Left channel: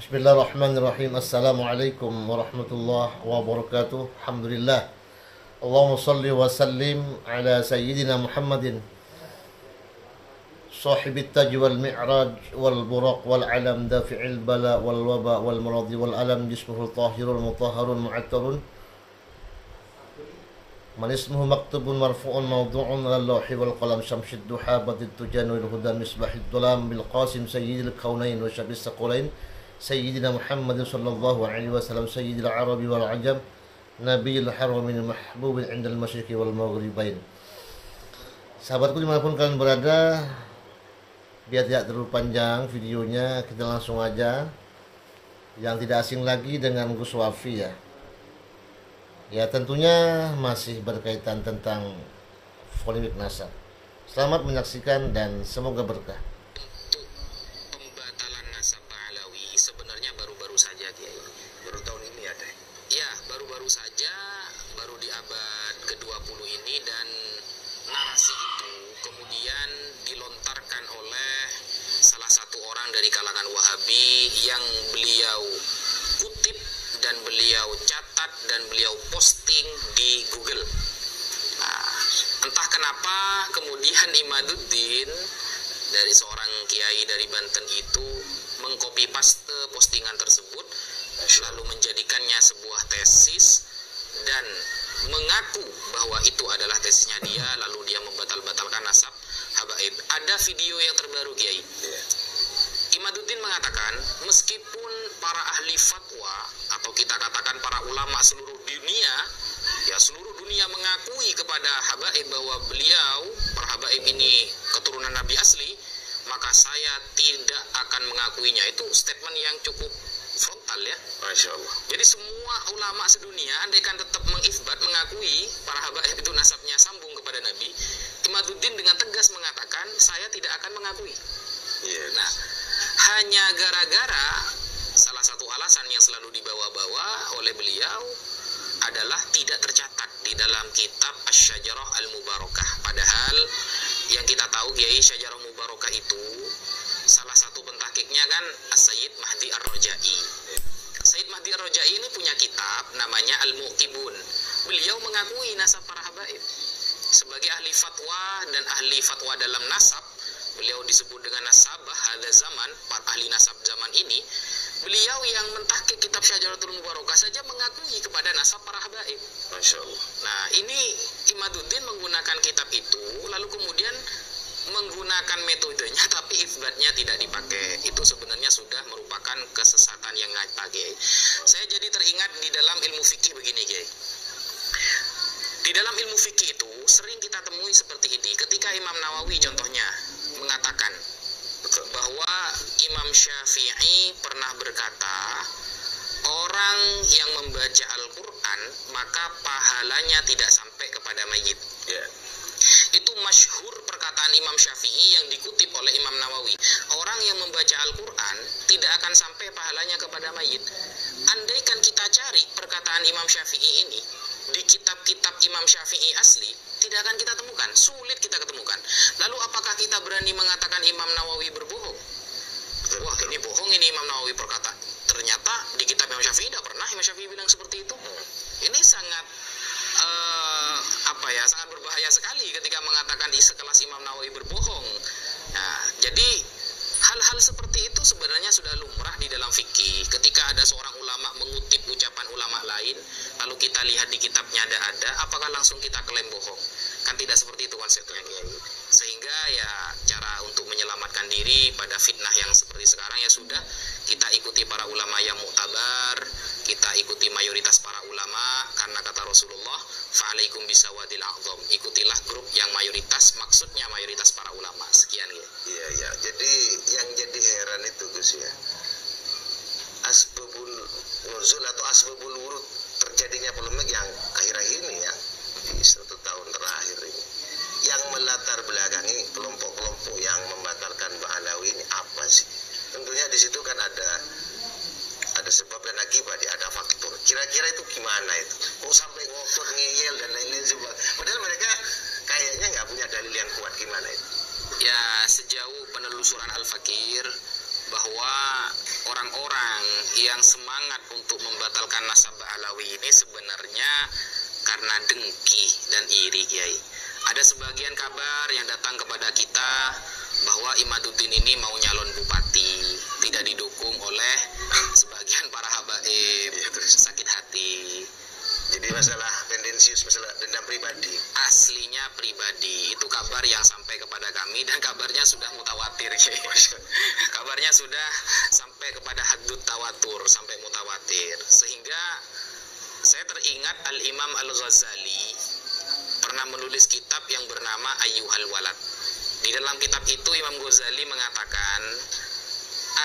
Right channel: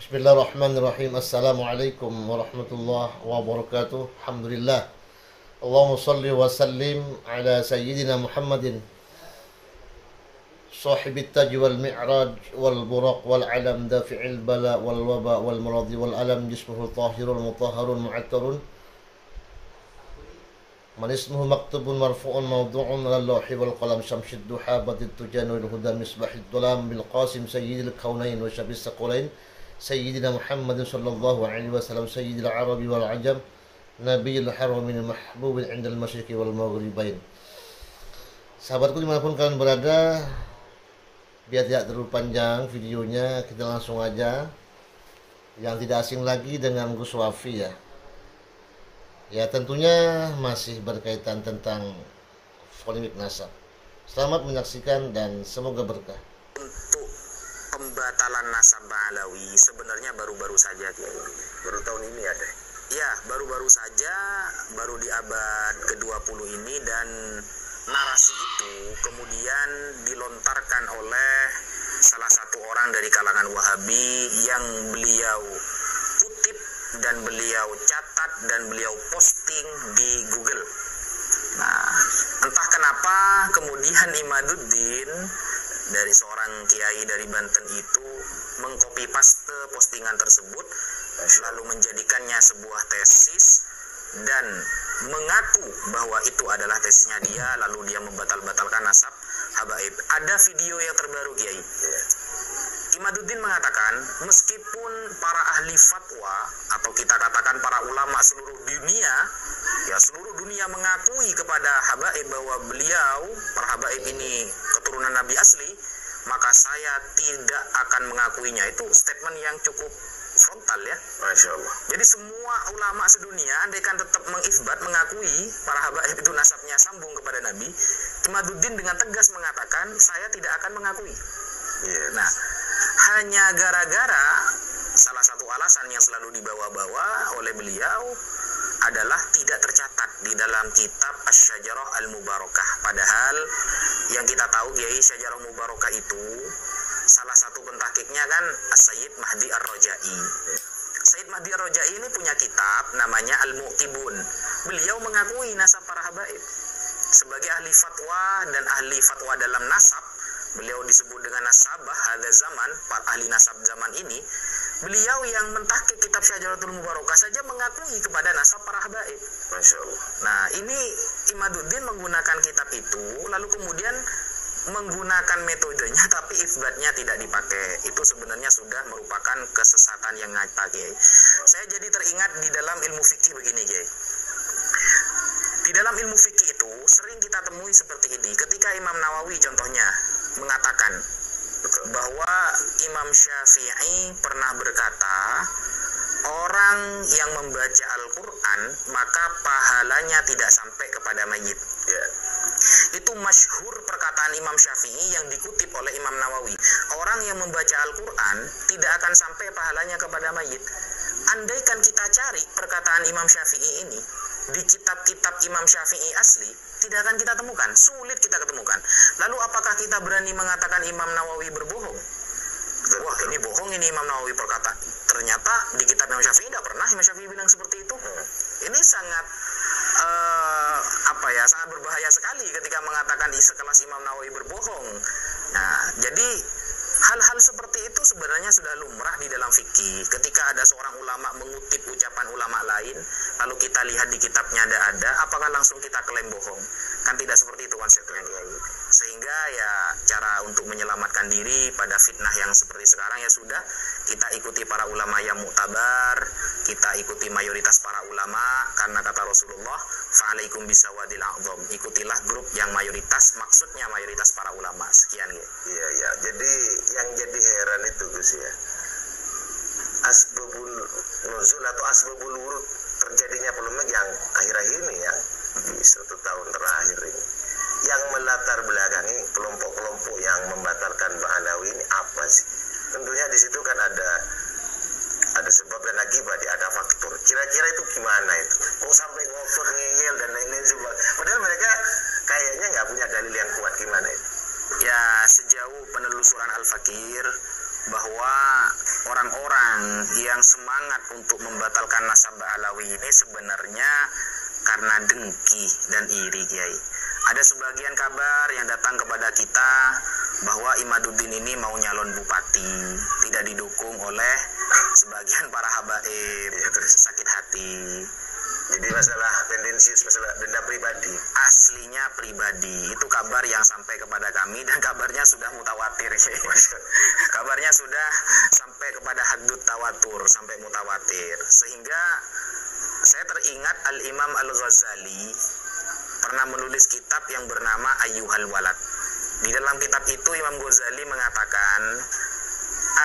Bismillahirrahmanirrahim. Assalamualaikum warahmatullahi wabarakatuh. Alhamdulillah. Allahumma salli wa sallim ala sayyidina Muhammadin sahibit taj wal mi'raj wal buraq wal alam dafi'il bala wal waba wal maradi wal alam jismuhu tahirul mutahharun mu'attarun man ismuhu maktubun marfu'un mawdu'un ala lawhi wal qalam syamsid duha badid tujan wal huda misbahid dulam bil qasim sayyidil kaunain wa syabis saqulain Sayyidina Muhammadin sallallahu alaihi wasallam Sayyidil Arabi wal Ajam Nabiyil Haramin Mahbubin indal masyriqi wal maghribain. Sahabatku dimanapun kalian berada, biar tidak terlalu panjang videonya, kita langsung aja. Yang tidak asing lagi dengan Gus Wafi ya. Ya tentunya masih berkaitan tentang polemik nasab. Selamat menyaksikan dan semoga berkah. Pembatalan nasab Ba'alawi sebenarnya baru-baru saja, Kiai. Baru tahun ini ada? Ya, baru-baru saja, baru di abad ke-20 ini, dan narasi itu kemudian dilontarkan oleh salah satu orang dari kalangan Wahabi yang beliau kutip dan beliau catat dan beliau posting di Google. Nah, entah kenapa kemudian Imaduddin dari seorang kiai dari Banten itu mengcopy paste postingan tersebut, lalu menjadikannya sebuah tesis dan mengaku bahwa itu adalah tesisnya dia, lalu dia membatalkan nasab habaib. Ada video yang terbaru, Kiai. Imaduddin mengatakan, meskipun para ahli fatwa atau kita katakan para ulama seluruh dunia, ya seluruh dunia mengakui kepada habaib bahwa beliau, para habaib ini keturunan Nabi asli, maka saya tidak akan mengakuinya. Itu statement yang cukup frontal ya. Masya Allah. Jadi semua ulama sedunia andaikan tetap mengifbat, mengakui para habaib itu nasabnya sambung kepada Nabi, Imaduddin dengan tegas mengatakan saya tidak akan mengakui. Yes. Nah, hanya gara-gara salah satu alasan yang selalu dibawa-bawa oleh beliau adalah tidak tercatat di dalam kitab Asy-Syajarah Al-Mubarakah. Padahal yang kita tahu, Kiai, Syajarah Mubarakah itu salah satu pentahkiknya kan As-Sayyid Mahdi Ar-Rajai. Sayyid Mahdi Ar-Rajai ini punya kitab namanya Al-Mu'tibun. Beliau mengakui nasab para habaib. Sebagai ahli fatwa dan ahli fatwa dalam nasab, beliau disebut dengan nasabah hadza zaman, para ahli nasab zaman ini. Beliau yang mentahqiq kitab Syajaratul Mubarakah saja mengakui kepada nasab para habaib. Masya Allah. Nah, ini Imaduddin menggunakan kitab itu, lalu kemudian menggunakan metodenya tapi isbatnya tidak dipakai. Itu sebenarnya sudah merupakan kesesatan yang nyata, Kiai. Saya jadi teringat di dalam ilmu fikih begini, Kiai. Di dalam ilmu fikih itu sering kita temui seperti ini. Ketika Imam Nawawi contohnya mengatakan bahwa Imam Syafi'i pernah berkata, orang yang membaca Al-Quran maka pahalanya tidak sampai kepada mayit. Itu masyhur perkataan Imam Syafi'i yang dikutip oleh Imam Nawawi. Orang yang membaca Al-Quran tidak akan sampai pahalanya kepada mayit. Andaikan kita cari perkataan Imam Syafi'i ini di kitab-kitab Imam Syafi'i asli, tidak akan kita temukan, sulit kita ketemukan. Lalu apakah kita berani mengatakan Imam Nawawi berbohong? Wah, ini bohong, ini Imam Nawawi perkata. Ternyata di kitab Imam Syafi'i tidak pernah Imam Syafi'i bilang seperti itu. Ini sangat sangat berbahaya sekali ketika mengatakan sekelas Imam Nawawi berbohong. Nah, jadi hal-hal seperti itu sebenarnya sudah lumrah di dalam fikih. Ketika ada seorang ulama mengutip ucapan ulama lain, lalu kita lihat di kitabnya ada, apakah langsung kita klaim bohong? Kan tidak seperti itu konsepnya. Sehingga ya cara untuk menyelamatkan diri pada fitnah yang seperti sekarang ya sudah, kita ikuti para ulama yang muktabar, kita ikuti mayoritas para ulama, karena kata Rasulullah, fa'alaikum bisawadil a'zam, ikutilah grup yang mayoritas, maksudnya mayoritas para ulama. Sekian ya. Iya. Jadi yang jadi heran itu Gus ya, asbabul nuzul atau asbabul wurud terjadinya polemik yang akhir-akhir ini ya, di 1 tahun terakhir ini, yang melatar belakangi kelompok-kelompok yang membatalkan Ba'alawi ini apa sih? Tentunya di situ kan ada sebab dan akibat, ada faktor. Kira-kira itu gimana itu? Kok sampai ngotot, ngeyel dan lain-lain sebagainya? Padahal mereka kayaknya nggak punya dalil yang kuat, gimana itu? Ya, sejauh penelusuran Al-Fakir bahwa orang-orang yang semangat untuk membatalkan nasab Alawi ini sebenarnya karena dengki dan iri, Kiai. Ada sebagian kabar yang datang kepada kita bahwa Imaduddin ini mau nyalon bupati, tidak didukung oleh sebagian para habaib, sakit hati. Jadi masalah tendensius, masalah dendam pribadi. Aslinya pribadi. Itu kabar yang sampai kepada kami dan kabarnya sudah mutawatir. Kabarnya sudah sampai kepada haddut tawatur, sampai mutawatir. Sehingga saya teringat Al-Imam Al-Ghazali pernah menulis kitab yang bernama Ayyuhal Walad. Di dalam kitab itu Imam Ghazali mengatakan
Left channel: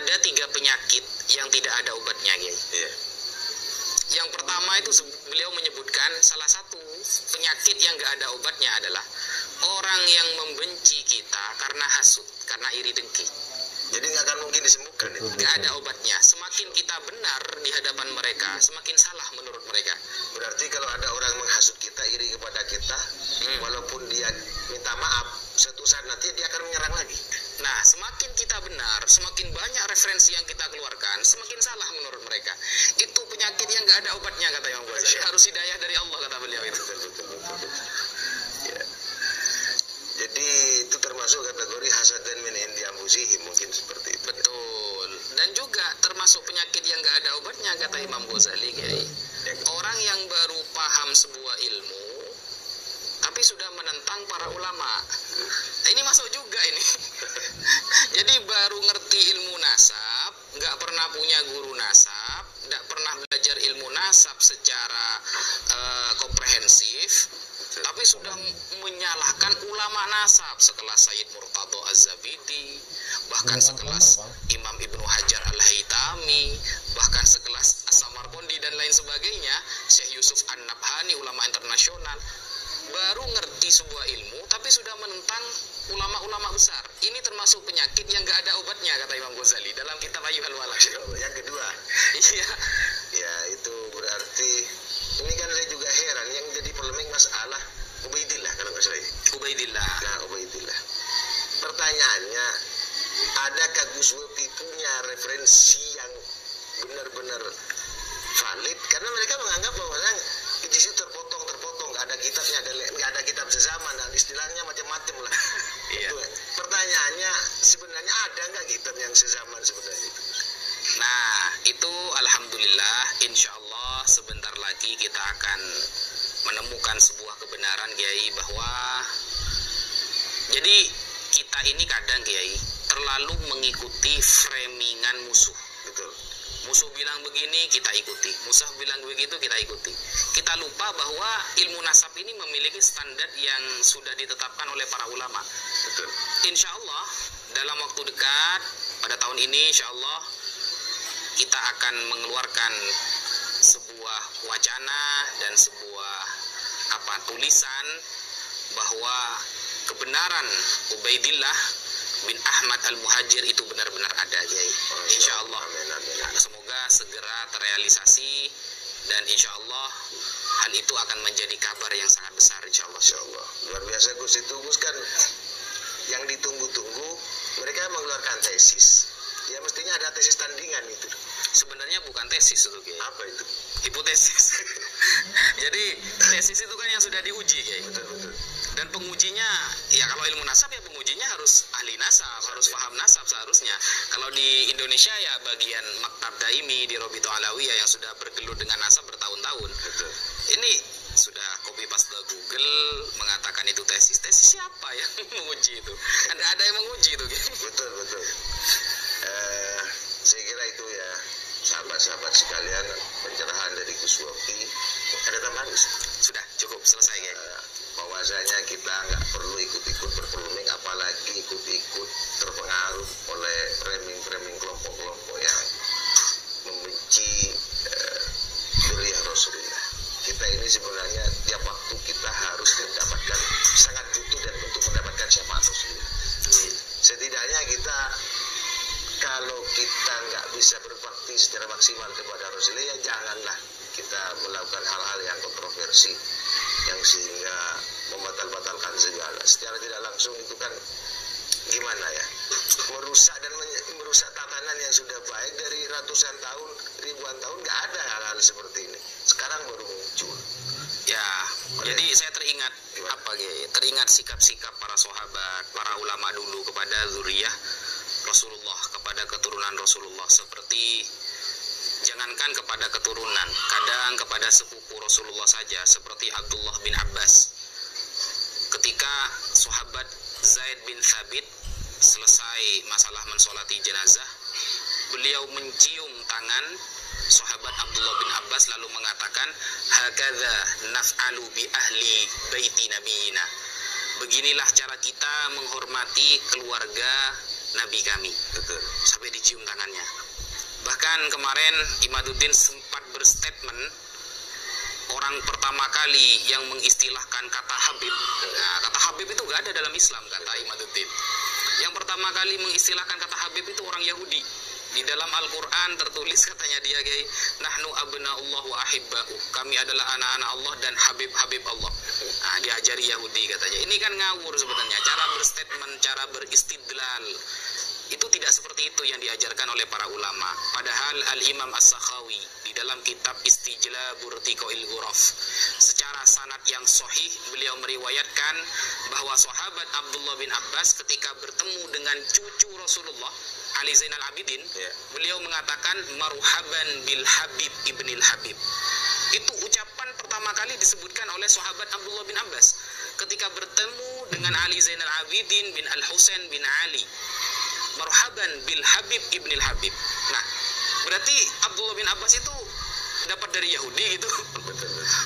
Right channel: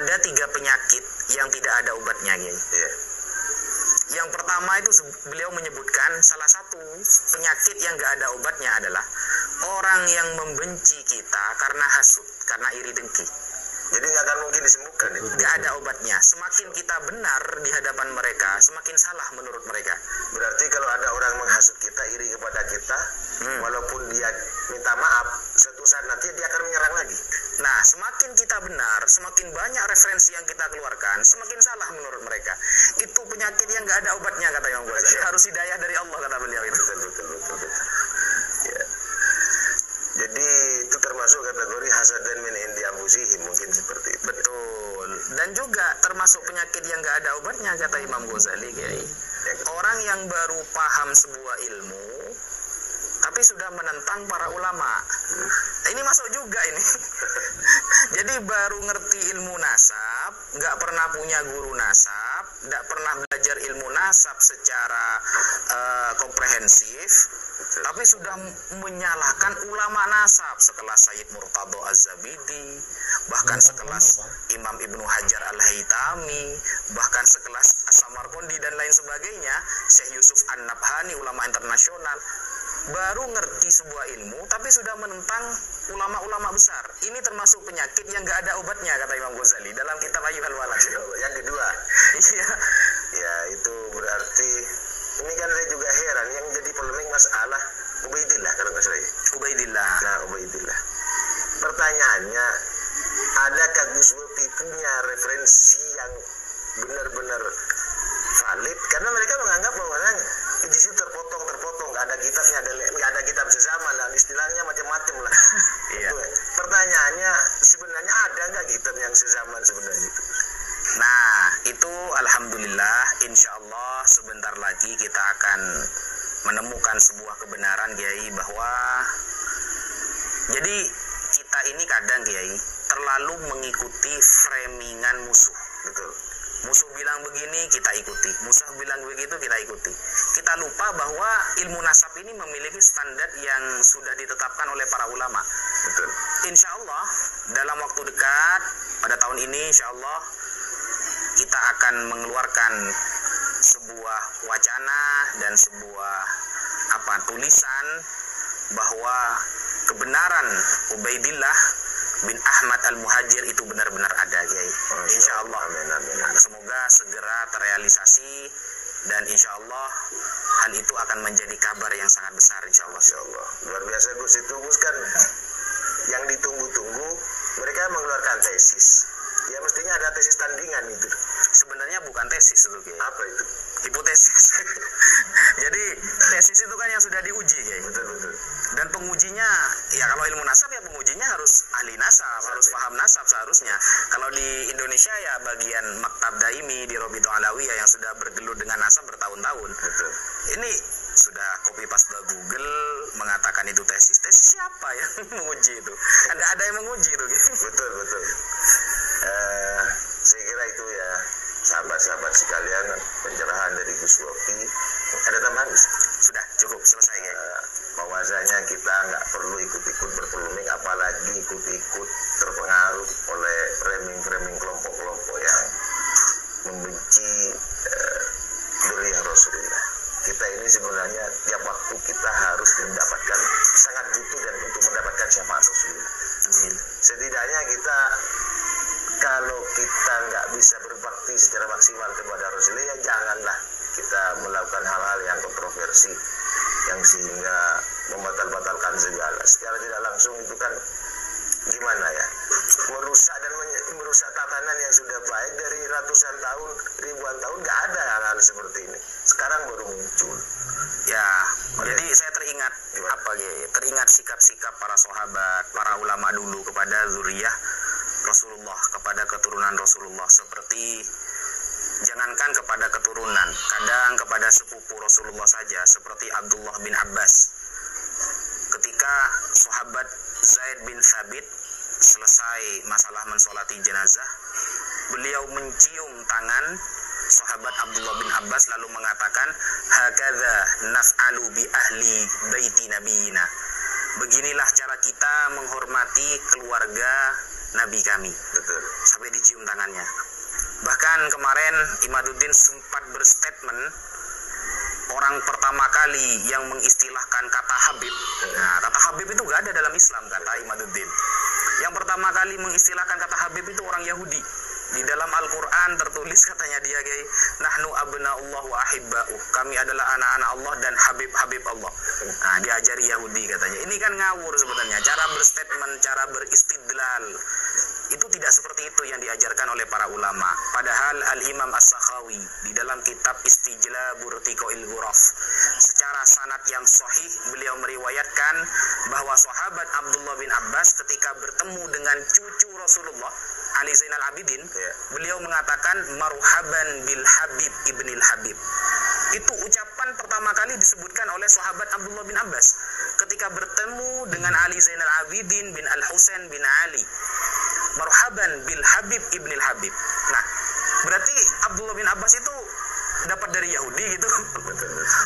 ada 3 penyakit yang tidak ada obatnya, Iya. Yang pertama itu beliau menyebutkan salah satu penyakit yang gak ada obatnya adalah orang yang membenci kita karena hasud, karena iri dengki. Jadi nggak akan mungkin disembuhkan itu. Gak ada obatnya. Semakin kita benar di hadapan mereka, semakin salah menurut mereka. Berarti kalau ada orang menghasut kita, iri kepada kita, walaupun dia minta maaf, suatu saat nanti dia akan menyerang lagi. Nah, semakin kita benar, semakin banyak referensi yang kita keluarkan, semakin salah menurut mereka. Itu penyakit yang gak ada obatnya, kata Imam Ghazali. Harus hidayah dari Allah, kata beliau itu. Betul. Ya. Jadi itu termasuk kategori hasadan min indi anfusihim, mungkin seperti itu. Betul. Dan juga termasuk penyakit yang gak ada obatnya, kata Imam Ghazali, Kiai. Orang yang baru paham sebuah ilmu tapi sudah menentang para ulama. Ini masuk juga ini. Jadi baru ngerti ilmu nasab, nggak pernah punya guru nasab, nggak pernah belajar ilmu nasab secara komprehensif, tapi sudah menyalahkan ulama nasab sekelas Sayyid Murtado Az-Zabidi, bahkan sekelas Imam Ibnu Hajar Al-Haytami, bahkan sekelas As-Samarqandi dan lain sebagainya, Syekh Yusuf An-Nabhani, ulama internasional. Baru ngerti sebuah ilmu tapi sudah menentang ulama-ulama besar. Ini termasuk penyakit yang gak ada obatnya, kata Imam Ghazali dalam kitab Ayyuhal Walad. Yang kedua, iya, ya itu berarti ini kan saya juga heran yang jadi polemik masalah Ubaidillah kalau nggak salah. Ubaidillah. Nah, Ubaidillah. Pertanyaannya, adakah Gus Wopi punya referensi yang benar-benar valid? Karena mereka menganggap bahwa di situ terpotong, nggak ada kitabnya, nggak ada kitab sezaman, dan istilahnya macam-macam lah. Iya. Pertanyaannya sebenarnya ada nggak kitab yang sezaman sebenarnya itu? Nah, itu alhamdulillah, insya Allah sebentar lagi kita akan menemukan sebuah kebenaran, Kiai, bahwa jadi kita ini kadang, Kiai, terlalu mengikuti framingan musuh. Betul. Musuh bilang begini, kita ikuti. Musuh bilang begitu, kita ikuti. Kita lupa bahwa ilmu nasab ini memiliki standar yang sudah ditetapkan oleh para ulama. Betul. Insya Allah, dalam waktu dekat, pada tahun ini, insya Allah, kita akan mengeluarkan sebuah wacana dan sebuah tulisan bahwa kebenaran Ubaidillah bin Ahmad Al-Muhajir itu benar-benar ada, Kiai. Insya Allah. Amin. Semoga segera terrealisasi dan insya Allah hal itu akan menjadi kabar yang sangat besar, insya Allah. Insya Allah. Luar biasa Gus, itu Gus kan yang ditunggu-tunggu. Mereka mengeluarkan tesis. Ya mestinya ada tesis tandingan itu. Sebenarnya bukan tesis itu, Kiai. Apa itu? Hipotesis. Jadi tesis itu kan yang sudah diuji, Kiai. Betul. Dan pengujinya, ya kalau ilmu nasab ya pengujinya harus ahli nasab, harus paham nasab seharusnya. Kalau di Indonesia ya bagian Maktab Daimi di Robito Alawiyah yang sudah bergelut dengan nasab bertahun-tahun. Betul. Ini sudah copy paste Google mengatakan itu tesis. Tesis siapa yang menguji itu? Ada yang menguji itu, Kiai. Betul. Saya kira itu ya sahabat-sahabat sekalian, pencerahan dari Gus Wopi. Ada tambahan Gus? Sudah cukup selesai, Kiai. Bahwasanya kita nggak perlu ikut-ikut berpolemik, apalagi ikut-ikut terpengaruh oleh framing kelompok-kelompok yang membenci dzurriyyah Rasulullah. Kita ini sebenarnya tiap waktu kita harus mendapatkan, sangat butuh dan untuk mendapatkan syafaat Rasulullah. Setidaknya kita, kalau kita nggak bisa berbakti secara maksimal kepada Rasulullah, ya janganlah kita melakukan hal-hal yang kontroversi yang sehingga membatal-batalkan segala. Secara tidak langsung itu kan gimana ya? merusak dan merusak tatanan yang sudah baik dari ratusan tahun, ribuan tahun. Nggak ada hal-hal seperti ini. Sekarang baru muncul. Ya, jadi saya teringat teringat sikap-sikap para sahabat, para ulama dulu kepada zuriyah Rasulullah, kepada keturunan Rasulullah, seperti jangankan kepada keturunan, kadang kepada sepupu Rasulullah saja, seperti Abdullah bin Abbas. Ketika sahabat Zaid bin Thabit selesai masalah mensolati jenazah, beliau mencium tangan sahabat Abdullah bin Abbas lalu mengatakan, hakadza naf'alu bi ahli baiti nabiyina. Beginilah cara kita menghormati keluarga nabi kami. Betul. Sampai dicium tangannya. Bahkan kemarin Imaduddin sempat berstatement, orang pertama kali yang mengistilahkan kata Habib. Nah, kata Habib itu gak ada dalam Islam, kata Imaduddin. Yang pertama kali mengistilahkan kata Habib itu orang Yahudi. Di dalam Al-Quran tertulis, katanya dia, nahnu abna'ullah wa ahibba'uh, kami adalah anak-anak Allah dan habib-habib Allah. Nah, diajari Yahudi katanya. Ini kan ngawur sebenarnya. Cara berstatement, cara beristidlal itu tidak seperti itu yang diajarkan oleh para ulama. Padahal Al-Imam As-Sakhawi di dalam kitab Istijlabur Tiqoil Ghuraf, secara sanad yang sahih beliau meriwayatkan bahwa sahabat Abdullah bin Abbas ketika bertemu dengan cucu Rasulullah Ali Zainal Abidin, beliau mengatakan marhaban bil Habib ibnil Habib. Itu ucapan pertama kali disebutkan oleh sahabat Abdullah bin Abbas ketika bertemu dengan Ali Zainal Abidin bin Al-Husain bin Ali. Marhaban bil Habib ibnil Habib. Nah, berarti Abdullah bin Abbas itu dapat dari Yahudi gitu.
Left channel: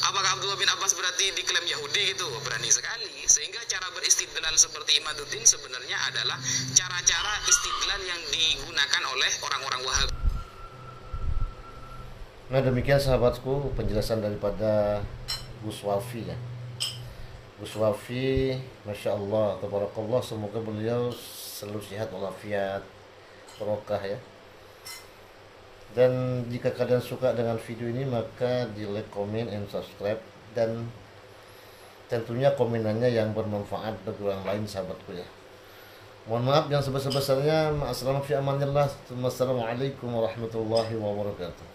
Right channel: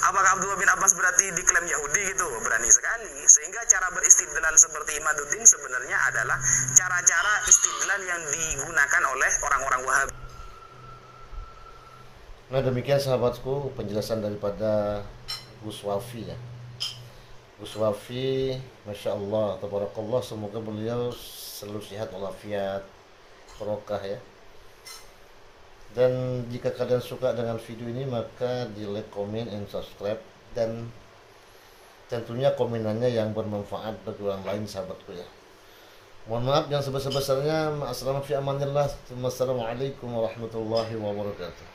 Apakah Abdullah bin Abbas berarti diklaim Yahudi gitu? Berani sekali. Sehingga cara beristidlal seperti Imaduddin sebenarnya adalah cara-cara istidlal yang digunakan oleh orang-orang Wahabi. Nah, demikian sahabatku penjelasan daripada Gus Wafi ya. Gus Wafi, Masya Allah, tabarakallah, semoga beliau selalu sehat walafiat, barokah ya. Dan jika kalian suka dengan video ini, maka di like, comment, and subscribe. Dan tentunya komenannya yang bermanfaat bagi orang lain sahabatku ya. Mohon maaf yang sebesar-besarnya. Assalamualaikum warahmatullahi wabarakatuh.